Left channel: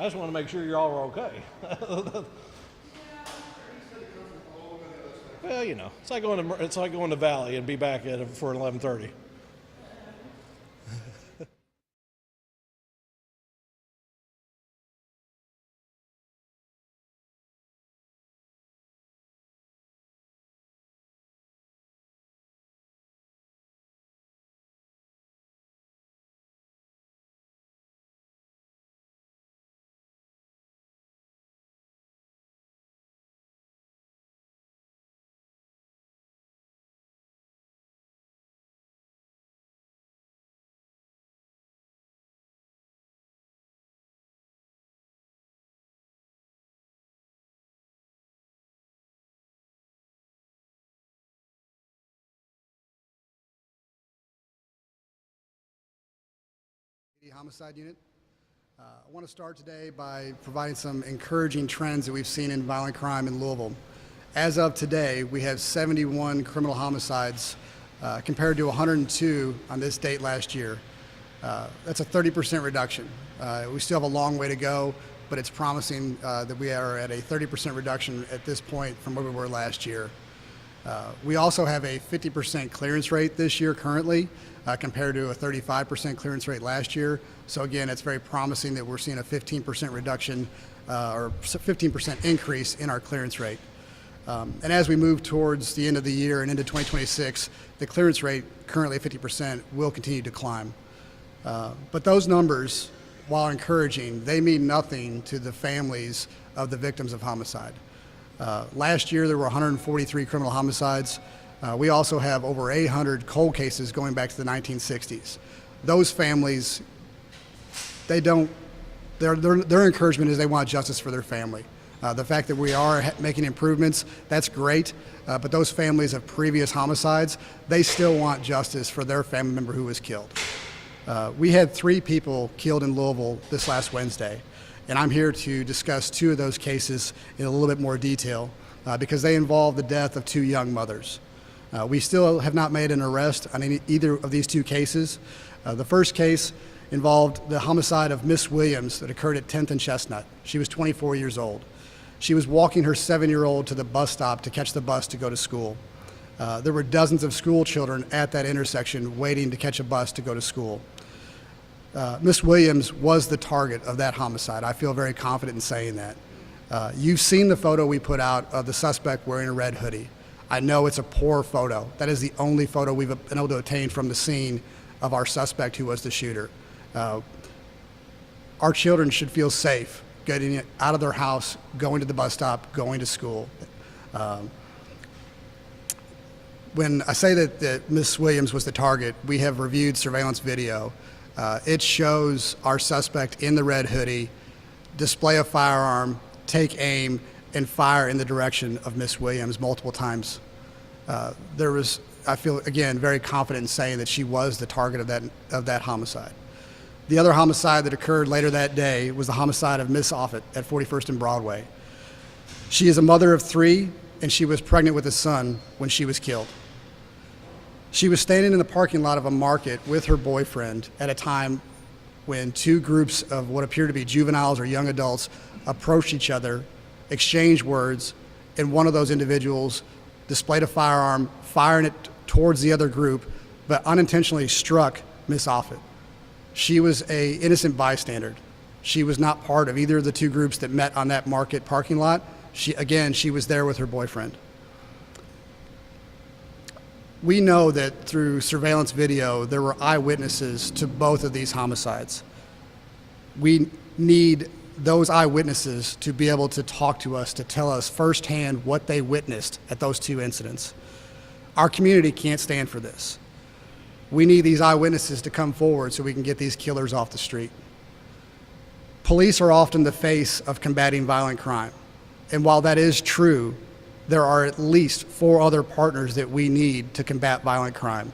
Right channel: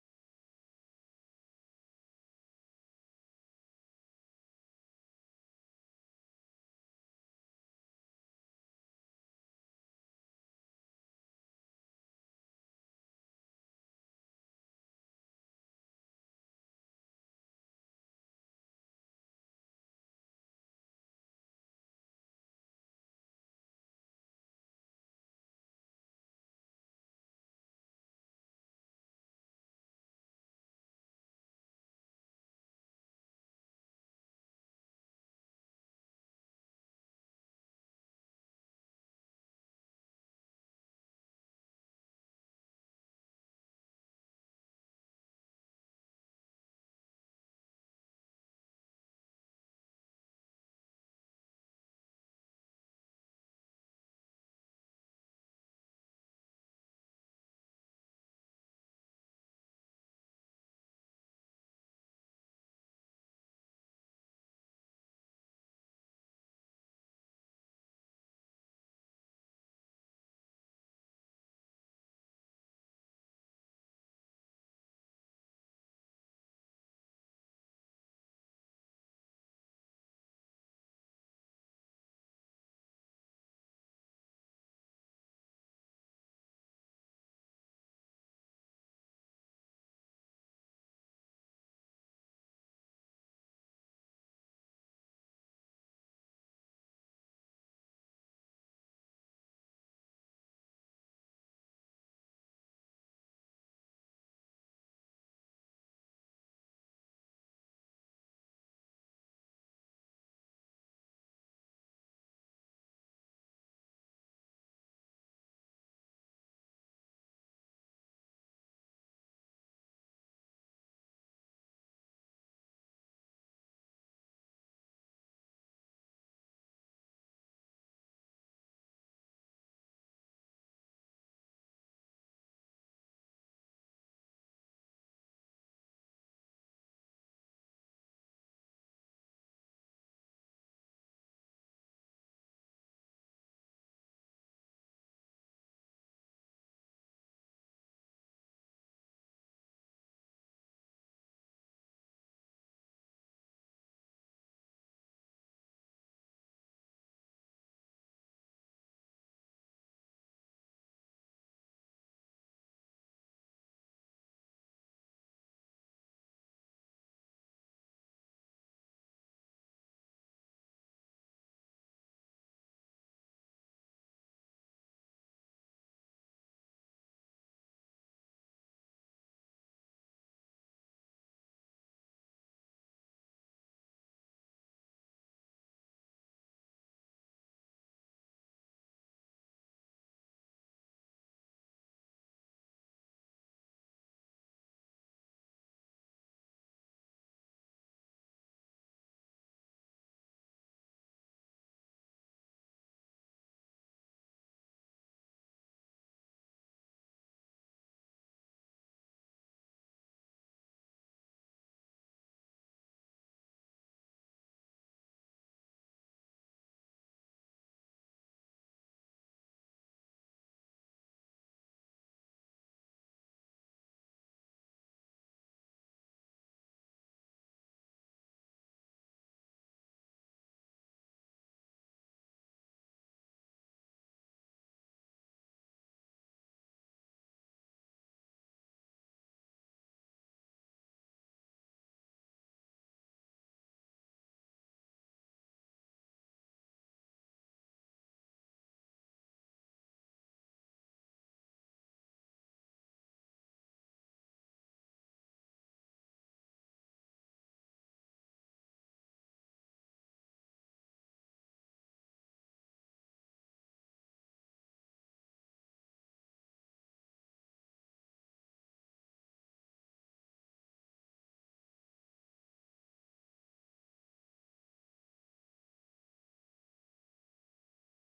I just want to make sure you all are okay. Well, you know, it's like going to Valley and be back at it for 11:30. Homicide Unit. I want to start today by providing some encouraging trends that we've seen in violent crime in Louisville. As of today, we have 71 criminal homicides compared to 102 on this date last year. That's a 30% reduction. We still have a long way to go, but it's promising that we are at a 30% reduction at this point from where we were last year. We also have a 50% clearance rate this year currently, compared to a 35% clearance rate last year. So again, it's very promising that we're seeing a 15% reduction or 15% increase in our clearance rate. And as we move towards the end of the year and into 2026, the clearance rate, currently at 50%, will continue to climb. But those numbers, while encouraging, they mean nothing to the families of the victims of homicide. Last year, there were 143 criminal homicides. We also have over 800 cold cases going back to the 1960s. Those families, their encouragement is they want justice for their family. The fact that we are making improvements, that's great, but those families of previous homicides, they still want justice for their family member who was killed. We had 3 people killed in Louisville this last Wednesday, and I'm here to discuss 2 of those cases in a little bit more detail because they involve the death of 2 young mothers. We still have not made an arrest on either of these 2 cases. The first case involved the homicide of Miss Williams that occurred at 10th and Chestnut. She was 24 years old. She was walking her 7-year-old to the bus stop to catch the bus to go to school. There were dozens of school children at that intersection waiting to catch a bus to go to school. Miss Williams was the target of that homicide. I feel very confident in saying that. You've seen the photo we put out of the suspect wearing a red hoodie. I know it's a poor photo. That is the only photo we've been able to obtain from the scene of our suspect who was the shooter. Our children should feel safe getting out of their house, going to the bus stop, going to school. When I say that Miss Williams was the target, we have reviewed surveillance video. It shows our suspect in the red hoodie display a firearm, take aim, and fire in the direction of Miss Williams multiple times. I feel, again, very confident in saying that she was the target of that homicide. The other homicide that occurred later that day was the homicide of Miss Offutt at 41st and Broadway. She is a mother of 3, and she was pregnant with a son when she was killed. She was standing in the parking lot of a market with her boyfriend at a time when 2 groups of what appear to be juveniles or young adults approached each other, exchanged words, and one of those individuals displayed a firearm, firing it towards the other group, but unintentionally struck Miss Offutt. She was an innocent bystander. She was not part of either of the 2 groups that met on that market parking lot. She was there with her boyfriend. We know that through surveillance video, there were eyewitnesses to both of these homicides. We need those eyewitnesses to be able to talk to us, to tell us firsthand what they witnessed at those 2 incidents. Our community can't stand for this. We need these eyewitnesses to come forward so we can get these killers off the street. Police are often the face of combating violent crime. And while that is true, there are at least 4 other partners that we need to combat violent crime:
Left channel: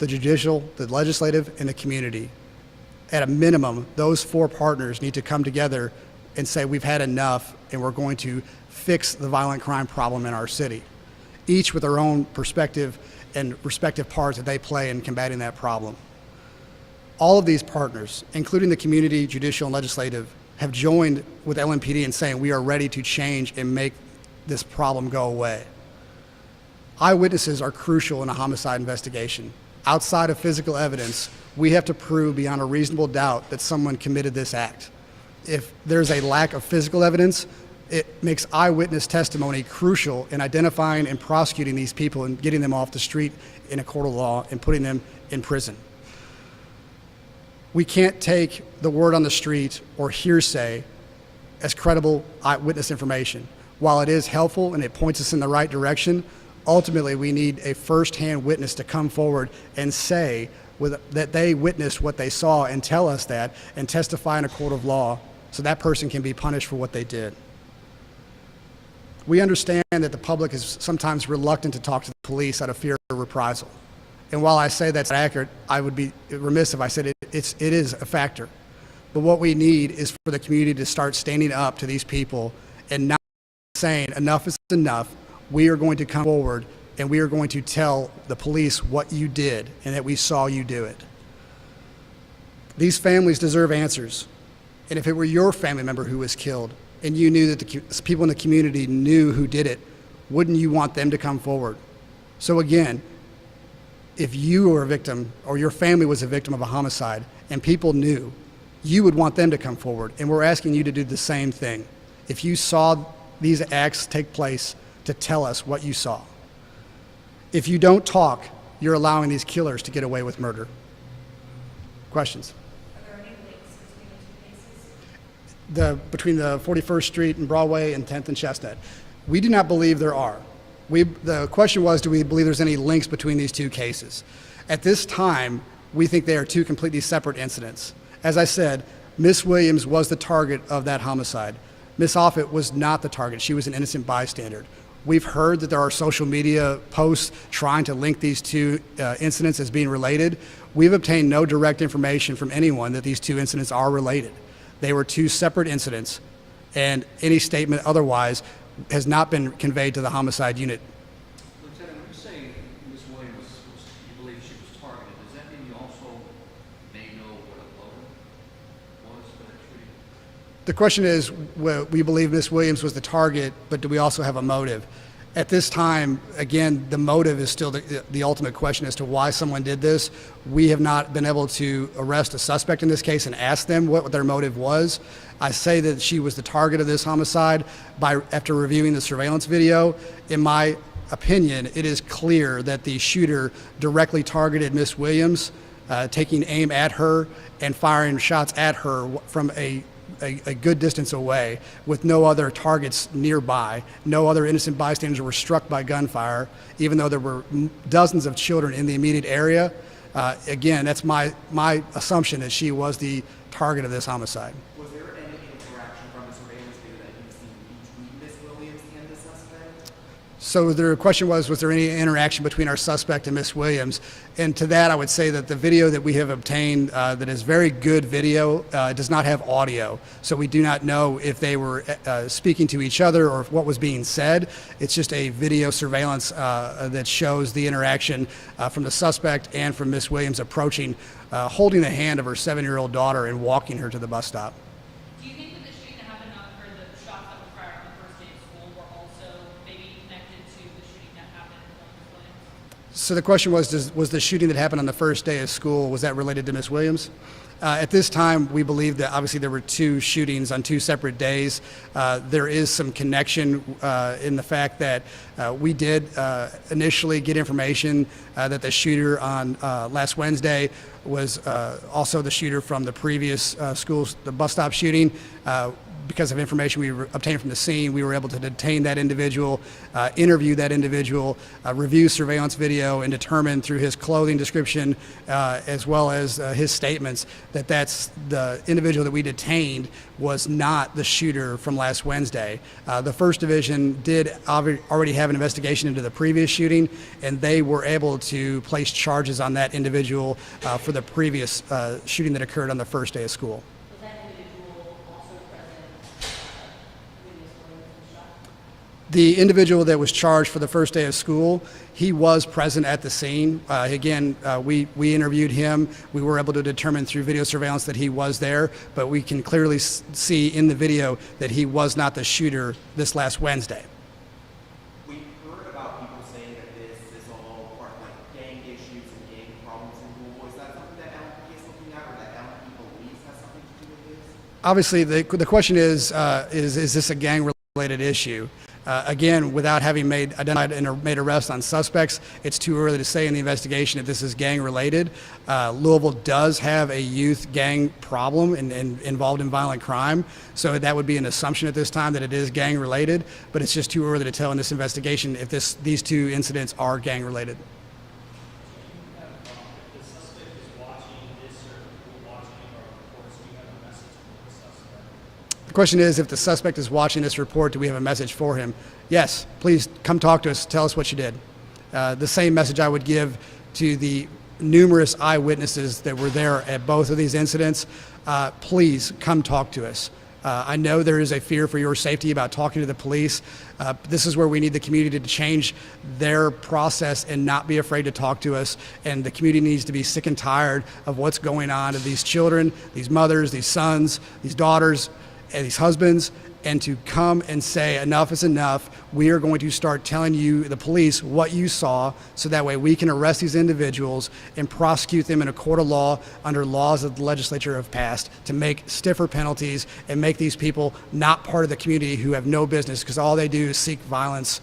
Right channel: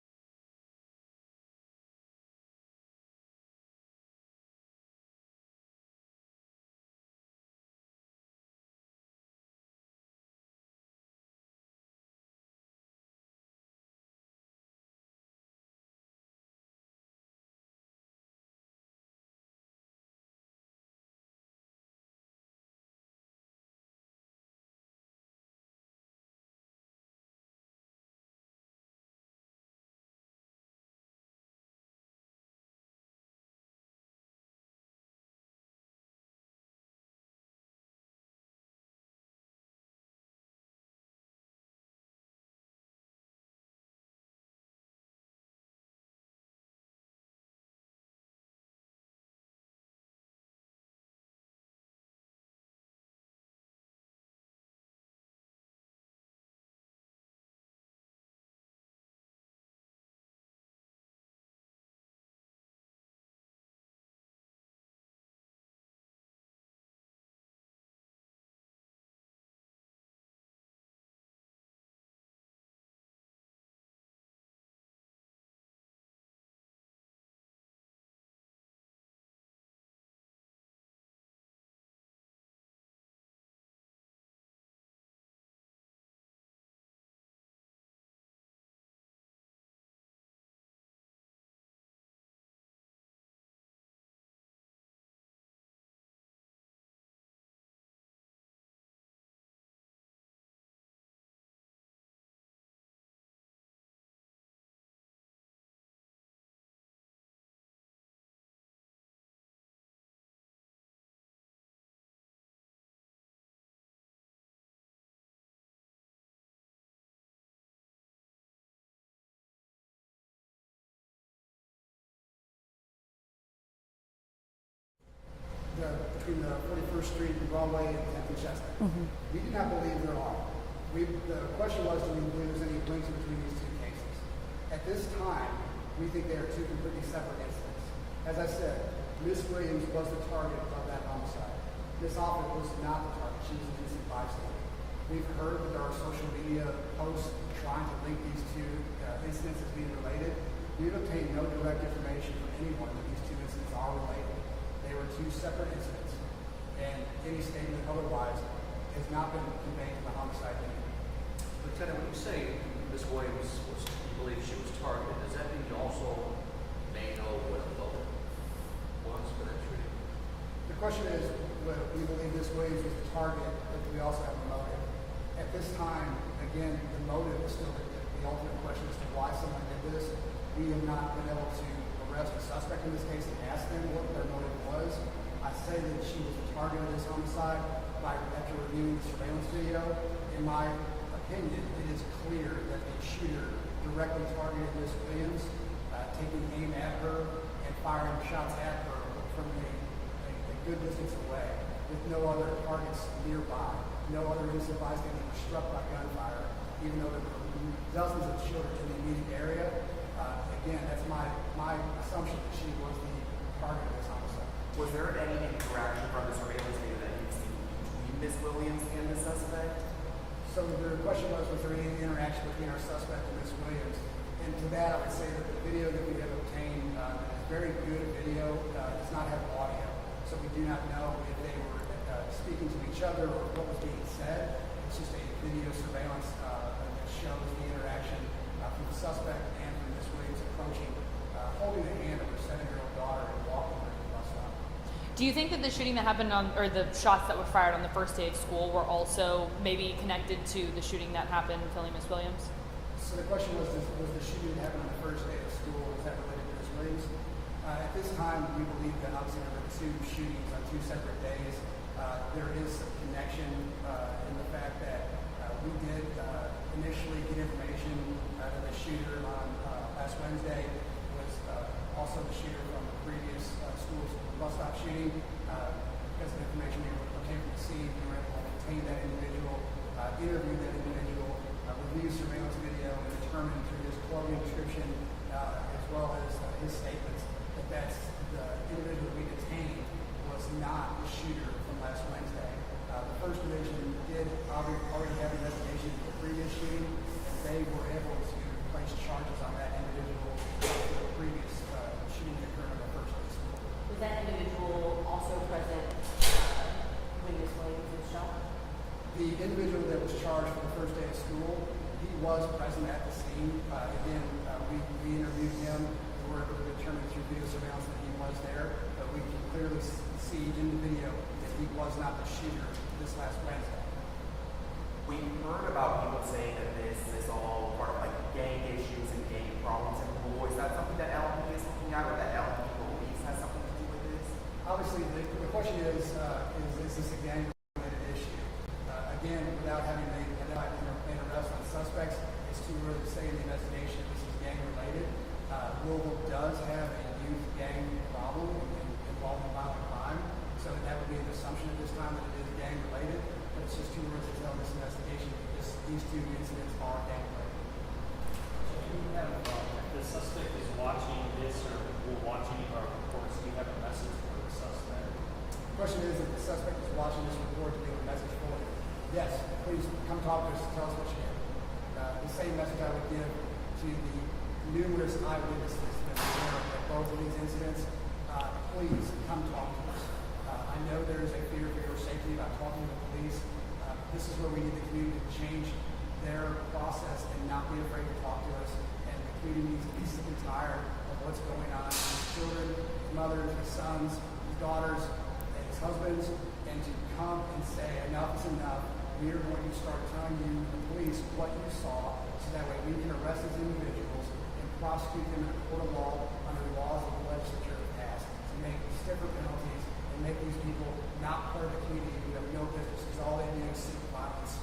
the judicial, the legislative, and the community. At a minimum, those 4 partners need to come together and say we've had enough and we're going to fix the violent crime problem in our city, each with their own perspective and respective parts that they play in combating that problem. All of these partners, including the community, judicial, and legislative, have joined with LMPD in saying we are ready to change and make this problem go away. Eyewitnesses are crucial in a homicide investigation. Outside of physical evidence, we have to prove beyond a reasonable doubt that someone committed this act. If there's a lack of physical evidence, it makes eyewitness testimony crucial in identifying and prosecuting these people and getting them off the street in a court of law and putting them in prison. We can't take the word on the street or hearsay as credible eyewitness information. While it is helpful and it points us in the right direction, ultimately we need a first-hand witness to come forward and say that they witnessed what they saw and tell us that and testify in a court of law so that person can be punished for what they did. We understand that the public is sometimes reluctant to talk to the police out of fear of reprisal. And while I say that's accurate, I would be remiss if I said it is a factor. But what we need is for the community to start standing up to these people and not saying enough is enough. We are going to come forward and we are going to tell the police what you did and that we saw you do it. These families deserve answers. And if it were your family member who was killed and you knew that the people in the community knew who did it, wouldn't you want them to come forward? So again, if you were a victim or your family was a victim of a homicide and people knew, you would want them to come forward. And we're asking you to do the same thing. If you saw these acts take place, to tell us what you saw. If you don't talk, you're allowing these killers to get away with murder. Questions? Are there any links between the two cases? Between the 41st Street and Broadway and 10th and Chestnut. We do not believe there are. The question was, do we believe there's any links between these two cases? At this time, we think they are two completely separate incidents. As I said, Miss Williams was the target of that homicide. Miss Offit was not the target. She was an innocent bystander. We've heard that there are social media posts trying to link these two incidents as being related. We've obtained no direct information from anyone that these two incidents are related. They were two separate incidents, and any statement otherwise has not been conveyed to the homicide unit. Lieutenant, when you say Ms. Williams you believe she was targeted, does that mean you also may know what a motive was for that shooting? The question is, well, we believe Miss Williams was the target, but do we also have a motive? At this time, again, the motive is still the ultimate question as to why someone did this. We have not been able to arrest a suspect in this case and ask them what their motive was. I say that she was the target of this homicide after reviewing the surveillance video. In my opinion, it is clear that the shooter directly targeted Miss Williams, taking aim at her and firing shots at her from a good distance away with no other targets nearby. No other innocent bystanders were struck by gunfire, even though there were dozens of children in the immediate area. Again, that's my assumption that she was the target of this homicide. Was there any interaction from the surveillance video that you've seen between Ms. Williams and the suspect? So the question was there any interaction between our suspect and Miss Williams? And to that, I would say that the video that we have obtained that is very good video does not have audio. So we do not know if they were speaking to each other or what was being said. It's just a video surveillance that shows the interaction from the suspect and from Miss Williams approaching, holding the hand of her 7-year-old daughter and walking her to the bus stop. Do you think that the shooting that happened or the shots that were fired on the first day of school were also maybe connected to the shooting that happened killing Miss Williams? So the question was the shooting that happened on the first day of school, was that related to Miss Williams? At this time, we believe that obviously there were two shootings on two separate days. There is some connection in the fact that we did initially get information that the shooter on last Wednesday was also the shooter from the previous the bus stop shooting. Because of information we obtained from the scene, we were able to detain that individual, interview that individual, review surveillance video, and determine through his clothing description as well as his statements that that's the individual that we detained was not the shooter from last Wednesday. The First Division did already have an investigation into the previous shooting, and they were able to place charges on that individual for the previous shooting that occurred on the first day of school. The individual that was charged for the first day of school, he was present at the scene. We interviewed him. We were able to determine through video surveillance that he was there, but we can clearly see in the video that he was not the shooter this last Wednesday. We heard about people saying that this is all part of like gang issues and gang problems in Louisville. Is that something that LMPD is looking at, or that LMPD believes has something to do with this? Obviously, the question is this a gang-related issue? Again, without having identified and made arrests on suspects, it's too early to say in the investigation if this is gang-related. Louisville does have a youth gang problem and involved in violent crime, so that would be an assumption at this time that it is gang-related, but it's just too early to tell in this investigation if these two incidents are gang-related. If the suspect is watching this or will watching our reports, do you have a message for the suspect? The question is, if the suspect is watching this report, do we have a message for him? Yes, please come talk to us. Tell us what you did. The same message I would give to the numerous eyewitnesses that were there at both of these incidents. Please come talk to us. I know there is a fear for your safety about talking to the police. This is where we need the community to change their process and not be afraid to talk to us. And the community needs to be sick and tired of what's going on to these children, these mothers, these sons, these daughters, and these husbands, and to come and say enough is enough. We are going to start telling you, the police, what you saw, so that way we can arrest these individuals and prosecute them in a court of law under laws that the legislature have passed to make stiffer penalties and make these people not part of the community who have no business, because all they do is seek violence